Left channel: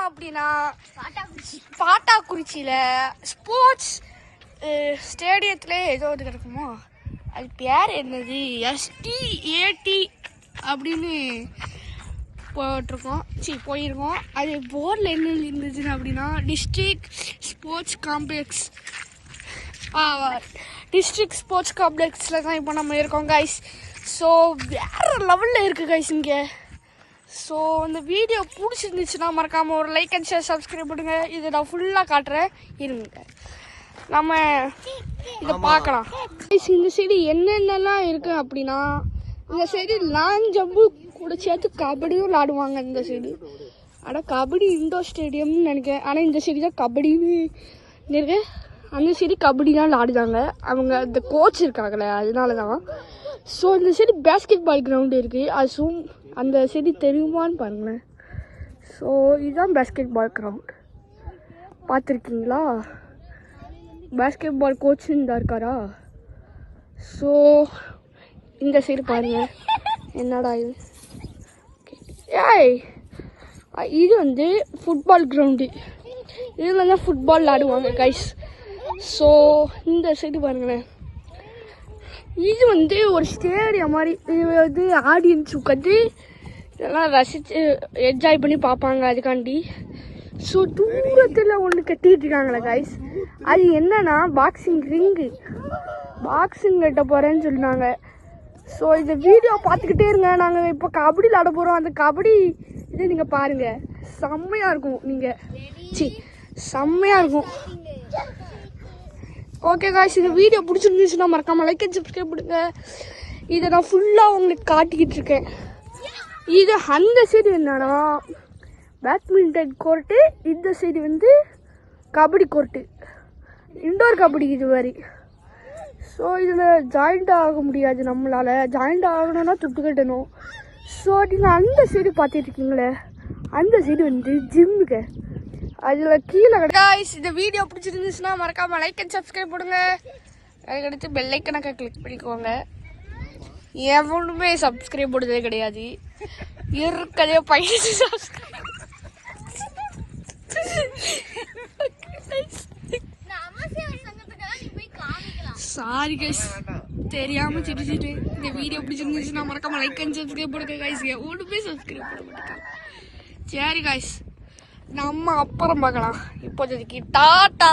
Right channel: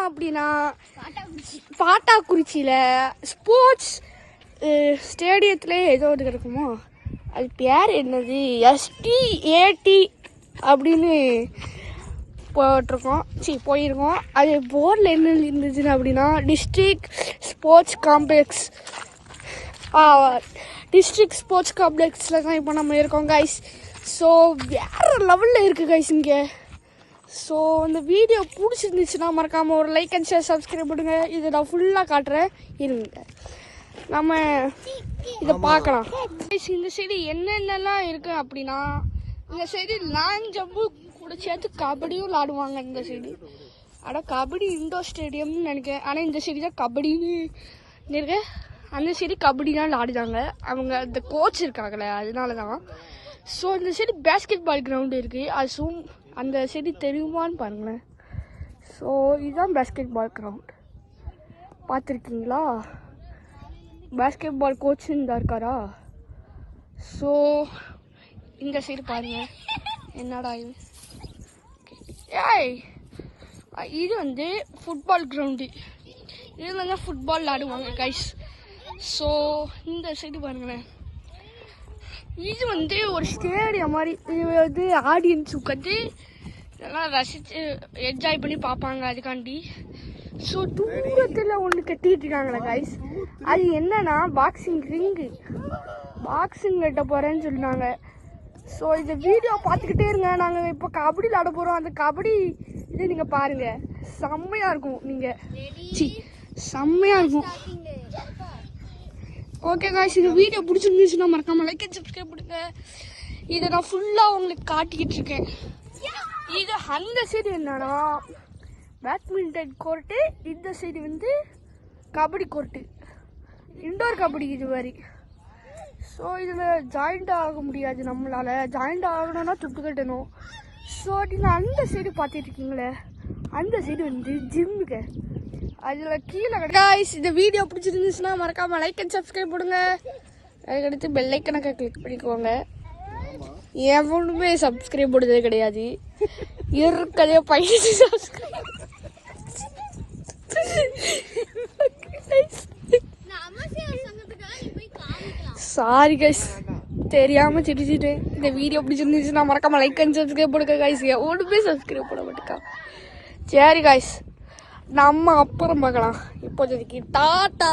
இருக்கோம் அப்படின்னா பாட்டாக்குறிச்சியில ஸ்போர்ட்ஸ் ஸ்டேடியத்துல ஏதோ ஒரு இருக்குமோ, அது பேர் என்னது, STAT அப்படின்னு போயிருக்கோம். அது போர்டில் என்ன இருந்துச்சுன்னு அப்படின்னா டிஸ்ட்ரிக்ட் ஸ்போர்ட்ஸ் காம்ப்ளெக்ஸில் தான் இப்போ நம்ம இருக்கோம் கைஸ். ஸோ வேறு லெவலில் இருக்குது கைஸ் இங்கே. ஸோ இந்த வீடியோ பிடிச்சிருந்துச்சுன்னா மறக்காமல் ஒரு லைக் அண்ட் ஷேர் சப்ஸ்கிரைப் பண்ணுங்க. இதை நான் ஃபுல்லாக காட்டுறேன், இருங்க நம்ம இதை பார்க்கலாம். இந்த சைடு என்னென்னலாம் இருக்கு அப்படின்னா, இந்த சைடு லாங் ஜம்பு கூட சேர்த்து கபடியும் விளாடுவாங்க. இந்த சைடு கபடி இண்டோர் ஸ்டேடியம்னு நினைக்கிறேன், ஆனால் இந்த சைடு தான் கபடின்னு இருக்கு. அந்த சைடு கபடி தான் விளாடுறாங்க அவங்க, இந்த கோச் இருக்காங்களே அதனால தான். ஸோ இந்த சைடு பேஸ்கெட் பால் கிரவுண்டு இருக்குது, அது அந்த சைடு தெரியுமான்னு பாருங்களேன். ஸோ இதுதான் பேஸ்கெட் பால் கிரவுண்ட், பார்த்துருக்கீங்களா? பேஸ்கெட் பால் கோச் இந்த இருக்காரா? ஸோ இந்த சைடு பாருங்க, என்னடா இது, இது வந்து ஃபுட்பால் கிரவுண்டு, இதில் தான் ஃபுட்பால் விளாடுவாங்க கைஸ். ஸோ இந்த சைடு பாருங்களேன், இது வந்து ஒரு ஸ்டேடியம் மாதிரி. இது வந்து ஆடியன்ஸ் உட்காந்து இதெல்லாம் ரசித்து என்ஜாய் பண்ணி பார்ப்பாங்க அதுக்காண்டி. ஸோ தூரத்தில் ஒன்று கட்டிட்டு இருக்காங்களே கைஸ், அது என்னன்னா பாக்ஸிங் ரிங்கு, பாக்ஸிங் கட்ட போகிறேன்னு சொன்னாங்க. ஸோ இந்த வீடியோ பார்த்துக்கிட்டே இருங்க. நாங்கள் இப்போ கபடி விளாட போகிறோம், அந்த கபடி இது நீங்கள் பாருங்கள், செம்மையாக இருக்கும். செம்மையாக இருக்கும். ஓகே காய்ஸ், இந்த வீடியோ பிடிச்சிருந்துச்சுன்னா மறக்காமல் லைக் அண்ட் சப்ஸ்கிரைப் பண்ணுங்க. இதை நான் ஃபுல்லாக உங்களுக்கு காட்டிக்கிட்டு இருக்கேன். இது அந்த சைடு என்னன்னா பேட்மிண்டன் கோர்ட்டு, இந்த சைடு வந்து கபடி கோர்ட்டு, இண்டோர் கபடி இது மாதிரி. ஸோ இதில் ஜாயிண்ட் ஆக முடியாது, நம்மளால் ஜாயிண்ட் ஆகணும்னா துட்டு கட்டணும். ஸோ நீங்கள் அந்த சைடு பார்த்துட்ருக்கீங்களே, அந்த சைடு வந்து ஜிம்முக்கு, அதில் கீழே காய்ஸ். இந்த வீடியோ பிடிச்சிருந்துச்சுன்னா மறக்காமல் லைக் அண்ட் சப்ஸ்கிரைப் பண்ணுங்க. அதுக்கடுத்து பெல் ஐக்கனை கிளிக் பண்ணிக்கோங்க. எவனுமே சப்ஸ்கிரைப் பண்ணுறதே கிடையாது, இருக்கிறதே பையனுக்கு சப்ஸ்கிரைப். சாரி கைஸ், தெரியாம சிரிச்சிட்டேன். இந்த வீடியோ பிடிச்சிருந்துச்சுன்னா மறக்காம லைக் அண்ட் சப்ஸ்கிரைப் பண்ணுங்க கைஸ். ஒன்றுமே சப்ஸ்கிரைப் பண்ண மாட்டேங்க. சரி கைஸ், நம்ம அப்புறம் பார்க்கலாம். இப்போதைக்கு டாட்டா.